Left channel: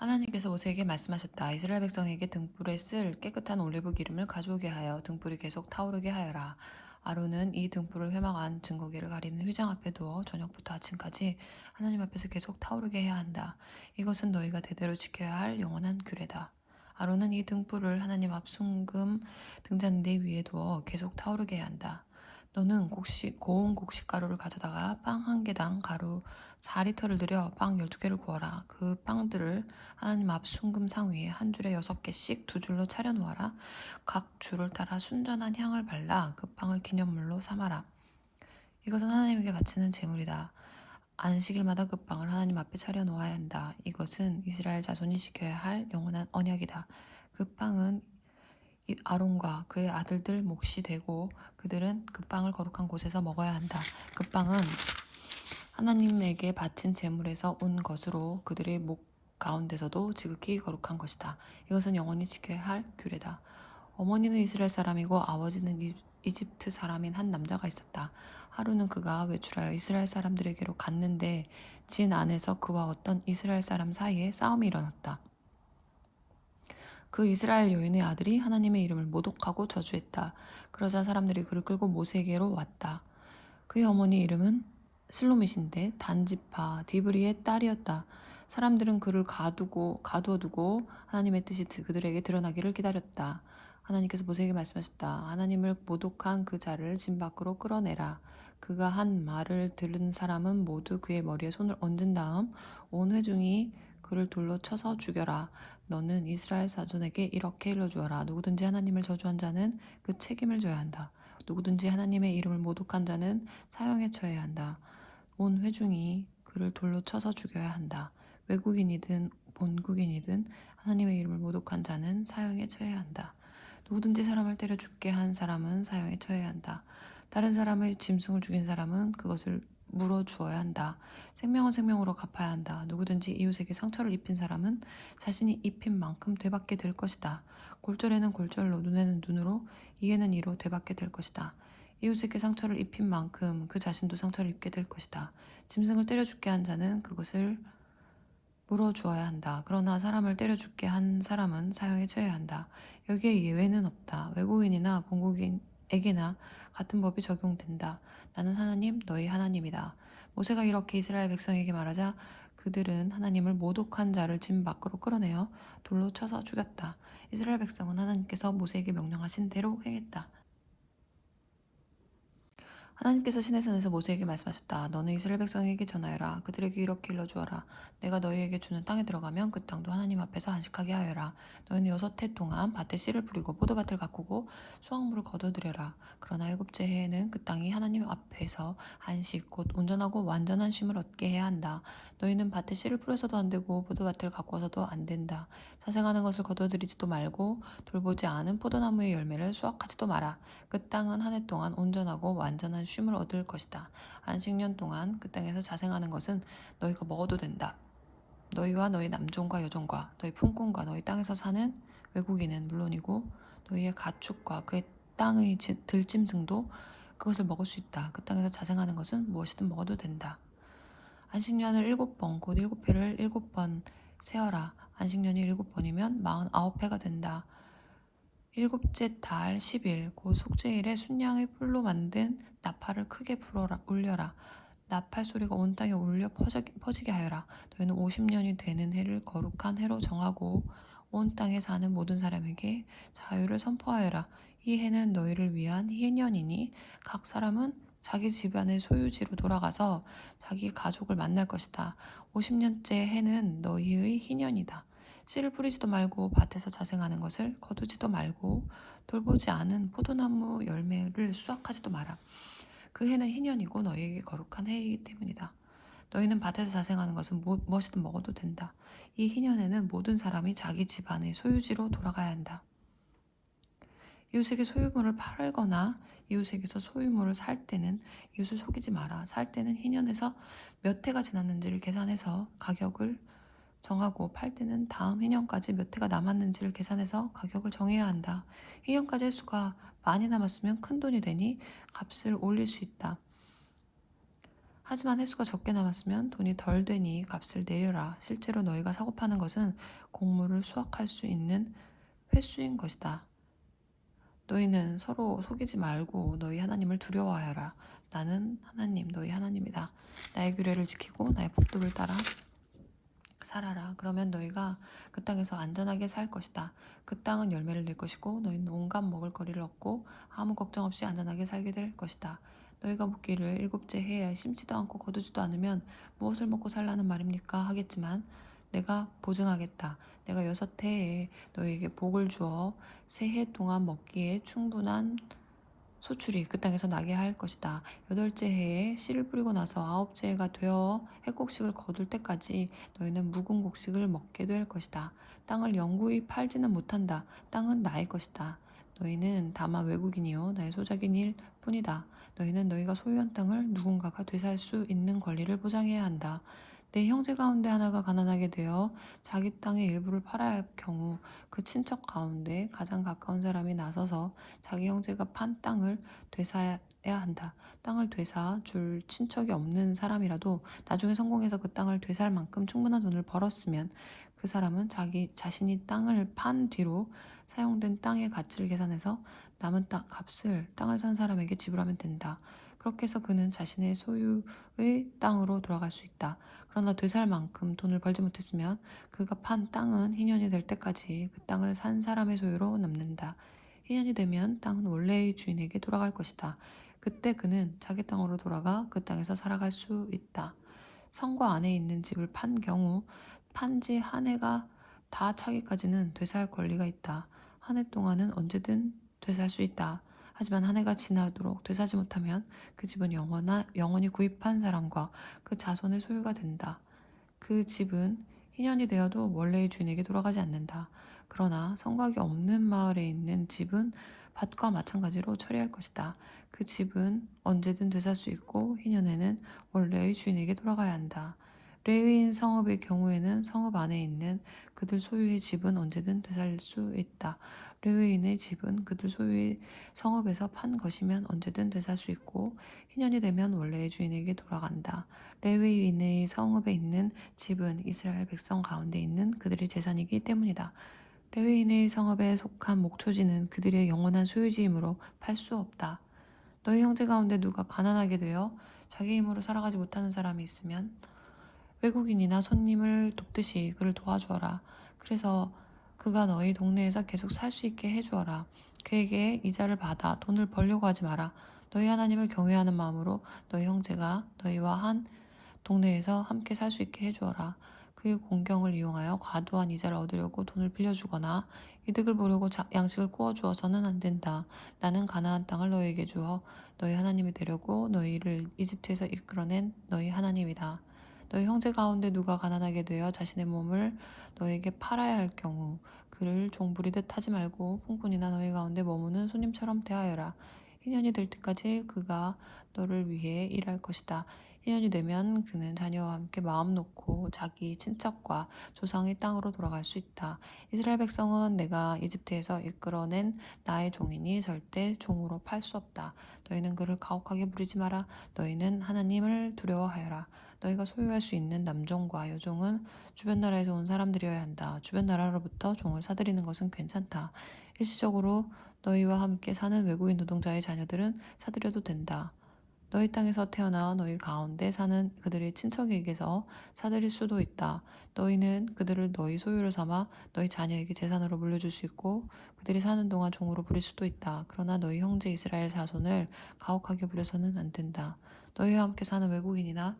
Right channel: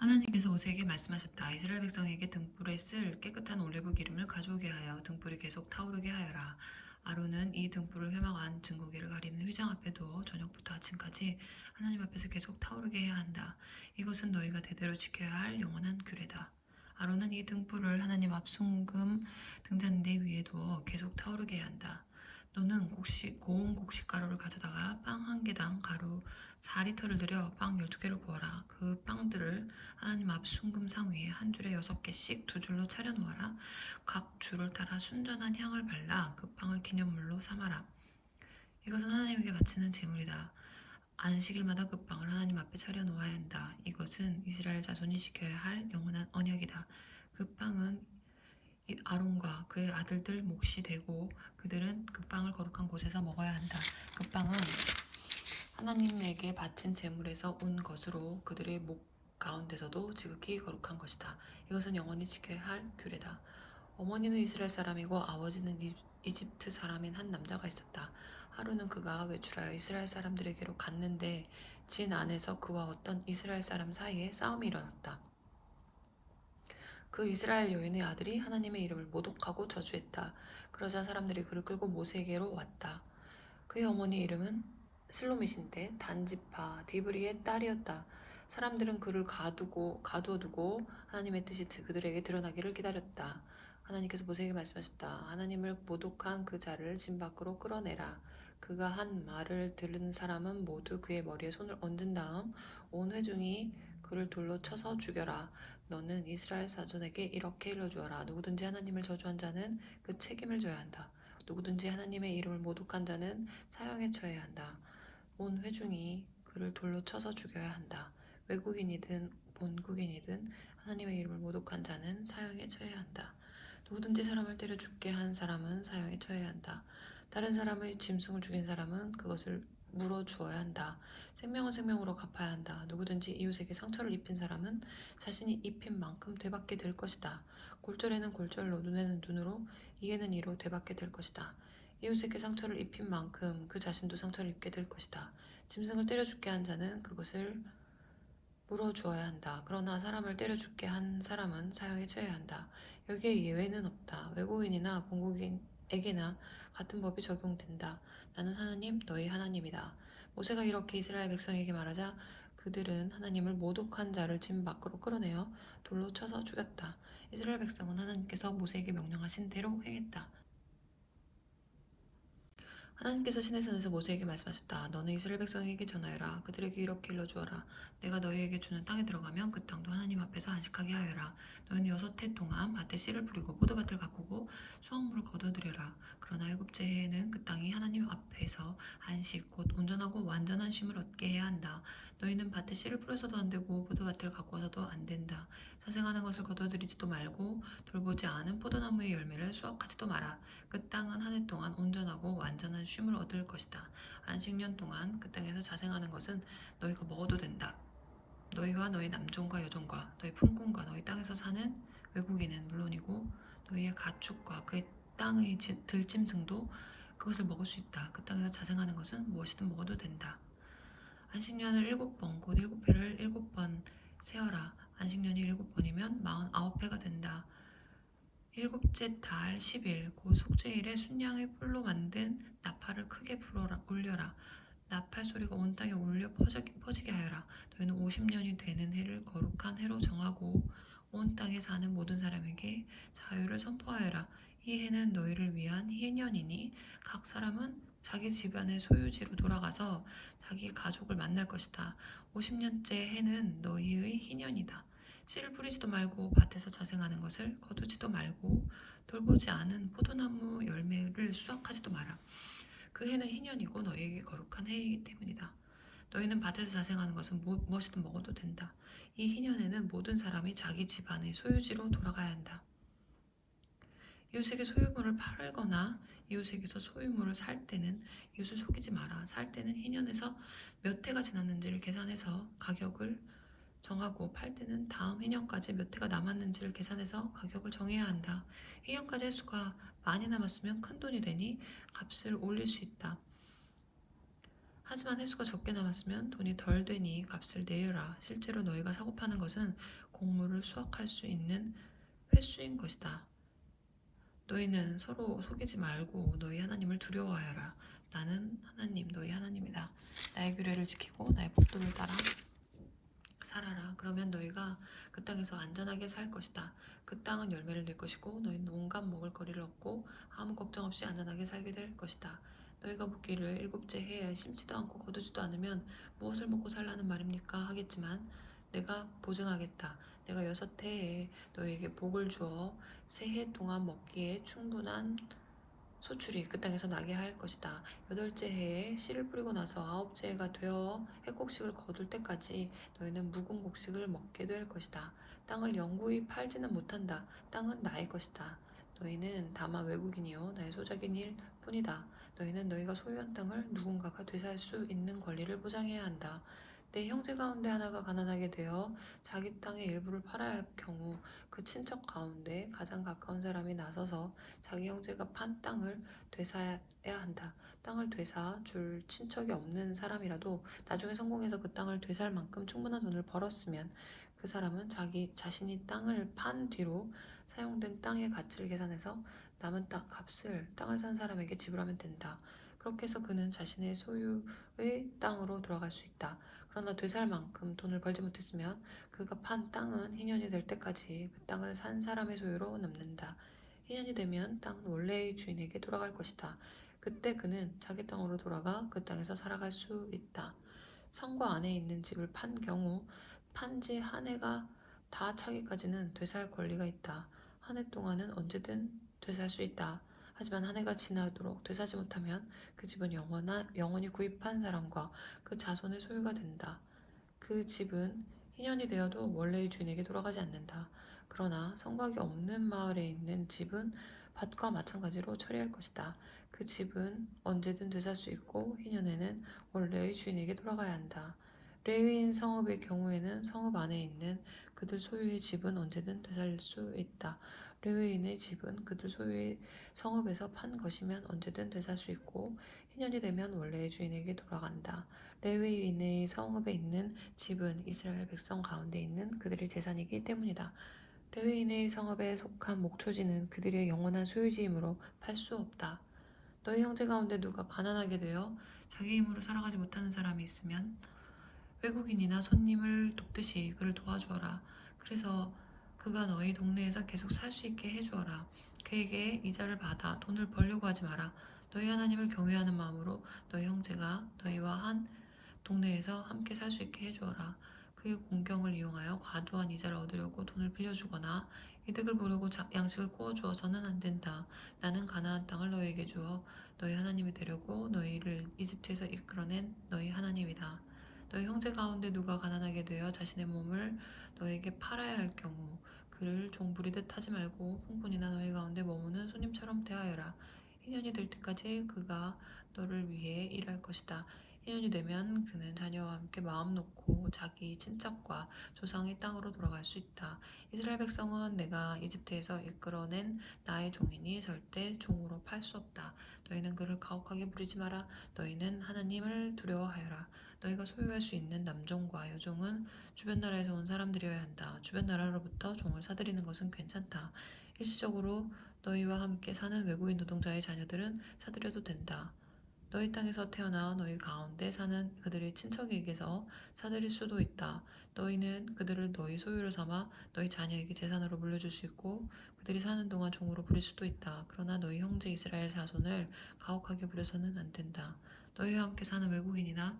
하나님께서 모세에게 말씀하셨다. 이스라엘 백성에게 등불에 쓸 깨끗한 올리브 기름을 가져오게 하여 등불이 계속 타오르게 하여라. 아론은 이 등불을 회막안 증거기를 가리는 휘장 앞에 두어 저녁부터 아침까지 하나님 앞에서 계속 타오르게 해야 한다. 이것은 너희가 대대로 지켜야 할 영원한 규례다. 아론은 이 등불을 하나님 앞 순금 등잔대 위에 두어 계속 타오르게 해야 한다. 너는 고운 곡식가루를 가져다가 빵 한 개당 가루 4리터를 들여 빵 12개를 구워라. 그 빵들을 하나님 앞 순금상 위에 한 줄에 6개씩 두 줄로 차려 놓아라. 각 줄을 따라 순전한 향을 발라 그 빵을 기념물로 삼아라. 이것은 하나님께 바치는 제물이다. 안식일마다 그 빵을 하나님 앞에 차려 놓아야 한다. 이것은 이스라엘 자손이 지켜야 할 영원한 언약이다. 그 빵은 아론과 그의 아들들 몫이 되고 그들은 그 빵을 거룩한 곳에서 먹어야 한다. 그 빵은 하나님에게 바친 제물에서 온 것으로 그들의 목 가운데서도 지극히 거룩한 것이다. 이것은 영원히 지켜야 할 규례다. 어머니는 이스라엘 사람이고 아버지는 이집트 사람인 한 남자가 있었다. 하루는 그가 외출하여 이스라엘 사람들에게로 갔는데 진 안에서 그와 어떤 이스라엘 사람 사이에 싸움이 일어났다. 그 이스라엘 여인의 아들이 하나님의 이름을 모독하고 저주했다. 그러자 사람들이 그를 끌고 모세에게로 왔다. 그의 어머니 이름은 슬로밋인데 단지파 디브리의 딸이었다. 사람들은 그를 가두어두고 하나님의 뜻이 그들에게 드러나기를 기다렸다. 하나님께서 모세에게 말씀하셨다. 하나님을 모독한 그 자를 진 밖으로 끌어내라. 그가 한 말을 들은 사람은 모두 그의 머리에 손을 얹은 다음 온 회중이 그를 돌로 쳐서 죽여라. 너는 이스라엘 자손에게 이렇게 일러주어라. 누구든지 하나님을 저주한 자는 그 책임을 져야 한다. 누구든지 하나님의 이름을 모독한 자는 사형에 처해야 한다. 온 회중이 그를 돌로 쳐서 죽여야 한다. 외국인이든 본국인이든 하나님의 이름을 모독한 자는 사형에 처해야 한다. 누구든지 사람을 때려 죽게 한 사람은 사형에 처해야 한다. 다른 사람의 짐승을 죽인 사람은 그것을 물어주어야 한다. 생명은 생명으로 갚아야 한다. 누구든지 이웃에게 상처를 입힌 사람은 자신이 입힌 만큼 되받게 될 것이다. 골절에는 골절로, 눈에는 눈으로, 이에는 이로 되받게 될 것이다. 이웃에게 상처를 입힌 만큼 그 자신도 상처를 입게 될 것이다. 짐승을 때려 죽게 한 자는 그것을 물어주어야 한다. 그러나 사람을 때려 죽게 한 사람은 사형에 처해야 한다. 여기에 예외는 없다. 외국인이나 본국인에게나 같은 법이 적용된다. 나는 하나님, 너희 하나님이다. 모세가 이렇게 이스라엘 백성에게 말하자 그들은 하나님을 모독한 자를 진 밖으로 끌어내어 돌로 쳐서 죽였다. 이스라엘 백성은 하나님께서 모세에게 명령하신 대로 행했다. 하나님께서 시내산에서 모세에게 말씀하셨다. 너는 이스라엘 백성에게 전하여라. 그들에게 이렇게 일러주어라. 내가 너희에게 주는 땅에 들어가면 그 땅도 하나님 앞에서 안식하게 하여라. 너희는 6해 동안 밭에 씨를 뿌리고 포도밭을 가꾸고 수확물을 거두드려라. 그러나 7째 해에는 그 땅이 하나님 앞에서 안식 곧 온전하고 완전한 쉼을 얻게 해야 한다. 너희는 밭에 씨를 뿌려서도 안 되고 포도밭을 가꾸어서도 안 된다. 사생하는 것을 거두어들이지도 말고 돌보지 않은 포도나무의 열매를 수확하지도 마라. 그 땅은 한 해 동안 온전하고 완전한 쉼을 얻을 것이다. 안식년 동안 그 땅에서 자생하는 것은 너희가 먹어도 된다. 너희와 너희 남종과 여종과 너희 품꾼과 너희 땅에서 사는 외국인은 물론이고 너희의 가축과 그의 땅의 들짐승도 그것을 먹을 수 있다. 그 땅에서 자생하는 것은 무엇이든 먹어도 된다. 안식년을 7번 곧 7회를 7번 세어라. 안식년이 7번이면 49회가 된다. 7째 달 10일 곧 속죄일에 순양의 뿔로 만든 나팔을 크게 울려라. 나팔 소리가 온 땅에 울려 퍼지게 하여라. 너희는 50년이 되는 해를 거룩한 해로 정하고 온 땅에 사는 모든 사람에게 자유를 선포하여라. 이 해는 너희를 위한 희년이니 각 사람은 자기 집안의 소유지로 돌아가서 자기 가족을 만날 것이다. 50년째 해는 너희의 희년이다. 씨를 뿌리지도 말고 밭에서 자생하는 것을 거두지도 말고 돌보지 않은 포도나무 열매를 수확하지도 마라. 그 해는 희년이고 너희에게 거룩한 해이기 때문이다. 너희는 밭에서 자생하는 것은 무엇이든 먹어도 된다. 이 희년에는 모든 사람이 자기 집안의 소유지로 돌아가야 한다. 이웃에게 소유물을 팔거나 이웃에게서 소유물을 살 때는 이웃을 속이지 마라. 살 때는 희년에서 몇 해가 지났는지를 계산해서 가격을 정하고 팔 때는 다음 희년까지 몇 해가 남았는지를 계산해서 가격을 정해야 한다. 희년까지 횟수가 많이 남았으면 큰 돈이 되니 값을 올릴 수 있다. 하지만 횟수가 적게 남았으면 돈이 덜 되니 값을 내려라. 실제로 너희가 사고 파는 것은 곡물을 수확할 수 있는 횟수인 것이다. 너희는 서로 속이지 말고 너희 하나님을 두려워하여라. 나는 하나님, 너희 하나님이다. 나의 규례를 지키고 나의 법도를 따라 살아라. 그러면 너희가 그 땅에서 안전하게 살 것이다. 그 땅은 열매를 낼 것이고 너희는 온갖 먹을 거리를 얻고 아무 걱정 없이 안전하게 살게 될 것이다. 너희가 묻기를 일곱째 해에 심지도 않고 거두지도 않으면 무엇을 먹고 살라는 말입니까? 하겠지만 내가 보증하겠다. 내가 6해에 너희에게 복을 주어 3해 동안 먹기에 충분한 소출이 그 땅에서 나게 할 것이다. 8째 해에 씨를 뿌리고 나서 9째 해가 되어 해곡식을 거둘 때까지 너희는 묵은 곡식을 먹게 될 것이다. 땅을 영구히 팔지는 못한다. 땅은 나의 것이다. 너희는 다만 외국인이요 나의 소작인일 뿐이다. 너희는 너희가 소유한 땅을 누군가가 되살 수 있는 권리를 보장해야 한다. 내 형제 가운데 하나가 가난하게 되어 자기 땅의 일부를 팔아야 할 경우 그 친척 가운데 가장 가까운 사람이 나서서 자기 형제가 판 땅을 되사야 한다. 땅을 되사 줄 친척이 없는 사람이라도 나중에 성공해서 그 땅을 되살 만큼 충분한 돈을 벌었으면 그 사람은 자신이 땅을 판 뒤로 사용된 땅의 가치를 계산해서 남은 땅 값을 땅을 산 사람에게 지불하면 된다. 그렇게 해서 그는 자신의 소유의 땅으로 돌아갈 수 있다. 그러나 되살 만큼 돈을 벌지 못했으면 그가 판 땅은 희년이 될 때까지 그 땅을 산 사람의 소유로 남는다. 희년이 되면 땅은 원래의 주인에게 돌아갈 것이다. 그때 그는 자기 땅으로 돌아가 그 땅에서 살아갈 수 있다. 성과 안에 있는 집을 판 경우 판지 한 해가 다 차기까지는 되살 권리가 있다. 한 해 동안은 언제든 되살 수 있다. 하지만 한 해가 지나도록 되사지 못하면 그 집은 영원히 구입한 사람과 그 자손의 소유가 된다. 그 집은 희년이 되어도 원래의 주인에게 돌아가지 않는다. 그러나 성곽이 없는 마을에 있는 집은 밭과 마찬가지로 처리할 것이다. 그 집은 언제든 되살 수 있고 희년에는 원래의 주인에게 돌아가야 한다. 레위인 성읍의 경우에는 성읍 안에 있는 그들 소유의 집은 언제든 되살 수 있다. 레위인의 집은 그들 소유의 성읍에서 판 것이면 언제든 되살 수 있고 희년이 되면 원래의 주인에게 돌아간다. 레위인의 성읍에 있는 집은 이스라엘 백성 가운데 있는 그들의 재산이기 때문이다. 레위인의 성읍에 속한 목초지는 그들의 영원한 소유지이므로 팔 수 없다. 너희 형제 가운데 누가 가난하게 되어 자기 힘으로 살아가지 못하는 사람이 있으면 외국인이나 손님을 돕듯이 그를 도와주어라. 그래서 그가 너희 동네에서 계속 살 수 있게 해주어라. 그에게 이자를 받아 돈을 벌려고 하지 마라. 너희 하나님을 경외하는 마음으로 너희 형제가 너희와 한 동네에서 함께 살 수 있게 해주어라. 그의 공경을 이용하여 과도한 이자를 얻으려고 돈을 빌려주거나 이득을 보려고 양식을 구워주어서는 안 된다. 나는 가나안 땅을 너희에게 주어 너희 하나님이 되려고 너희를 이집트에서 이끌어낸 너희 하나님이다. 너희 형제 가운데 누가 가난하게 되어 자신의 몸을 너희에게 팔아야 할 경우 그를 종부리듯 하지 말고 풍분이나 너희 가운데 머무는 손님처럼 대하여라. 1년이 될 때까지 그가 너를 위해 일할 것이다. 1년이 되면 그는 자녀와 함께 마음 놓고 자기 친척과 조상의 땅으로 돌아갈 수 있다. 이스라엘 백성은 내가 이집트에서 이끌어낸 나의 종이니 절대 종으로 팔 수 없다. 너희는 그를 가혹하게 부리지 마라. 너희는 하나님을 두려워하여라. 너희가 소유할 수 있는 남종과 여종은 주변 나라에서 온 사람들이어야 한다. 주변 나라로부터 종을 사들이는 것은 괜찮다. 일시적으로 너희와 함께 사는 외국인 노동자의 자녀들은 사들여도 된다. 너희 땅에서 태어나 너희 가운데 사는 그들의 친척에게서 사들일 수도 있다. 너희는 그들을 너희 소유로 삼아 너희 자녀에게 재산으로 물려줄 수 있고 그들이 사는 동안 종으로 부릴 수도 있다. 그러나 너희 형제 이스라엘 자손을 가혹하게 부려서는 안 된다. 너희와 함께 사는 외국인이나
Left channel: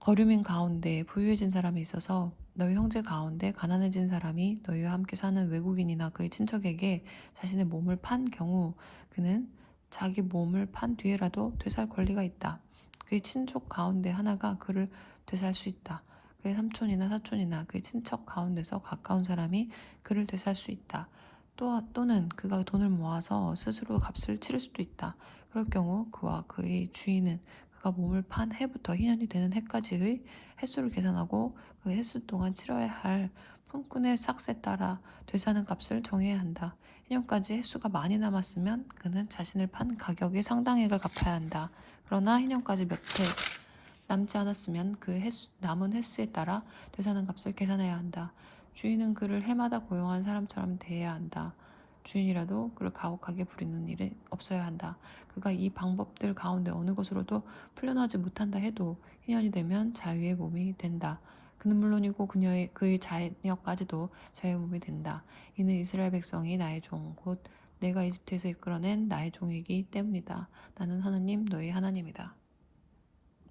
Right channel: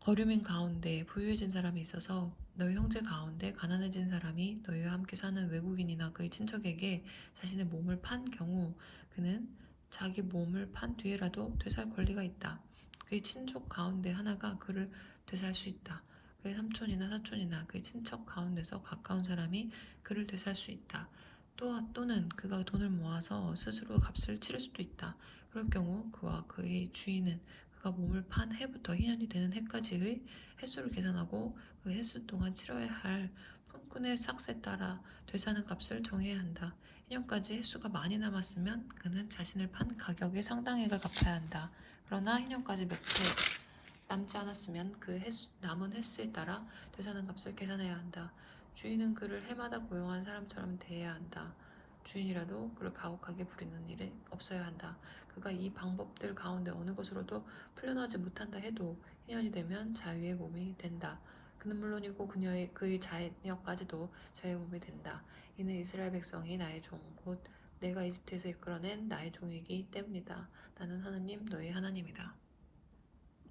거류민 가운데 부유해진 사람이 있어서 너희 형제 가운데 가난해진 사람이 너희와 함께 사는 외국인이나 그의 친척에게 자신의 몸을 판 경우 그는 자기 몸을 판 뒤에라도 되살 권리가 있다. 그의 친족 가운데 하나가 그를 되살 수 있다. 그의 삼촌이나 사촌이나 그의 친척 가운데서 가까운 사람이 그를 되살 수 있다. 또는 그가 돈을 모아서 스스로 값을 치를 수도 있다. 그럴 경우 그와 그의 주인은 그가 몸을 판 해부터 희년이 되는 해까지의 횟수를 계산하고 그 횟수 동안 치러야 할 품꾼의 삭세에 따라 되사는 값을 정해야 한다. 희년까지 횟수가 많이 남았으면 그는 자신을 판 가격의 상당액을 갚아야 한다. 그러나 희년까지 몇 해 남지 않았으면 그 남은 횟수에 따라 되사는 값을 계산해야 한다. 주인은 그를 해마다 고용한 사람처럼 대해야 한다. 주인이라도 그를 가혹하게 부리는 일은 없어야 한다. 그가 이 방법들 가운데 어느 것으로도 풀려나지 못한다 해도 1년이 되면 자유의 몸이 된다. 그는 물론이고 그의 자녀까지도 자유의 몸이 된다. 이는 이스라엘 백성이 나의 종, 곧 내가 이집트에서 이끌어낸 나의 종이기 때문이다. 나는 하나님 너희 하나님이다.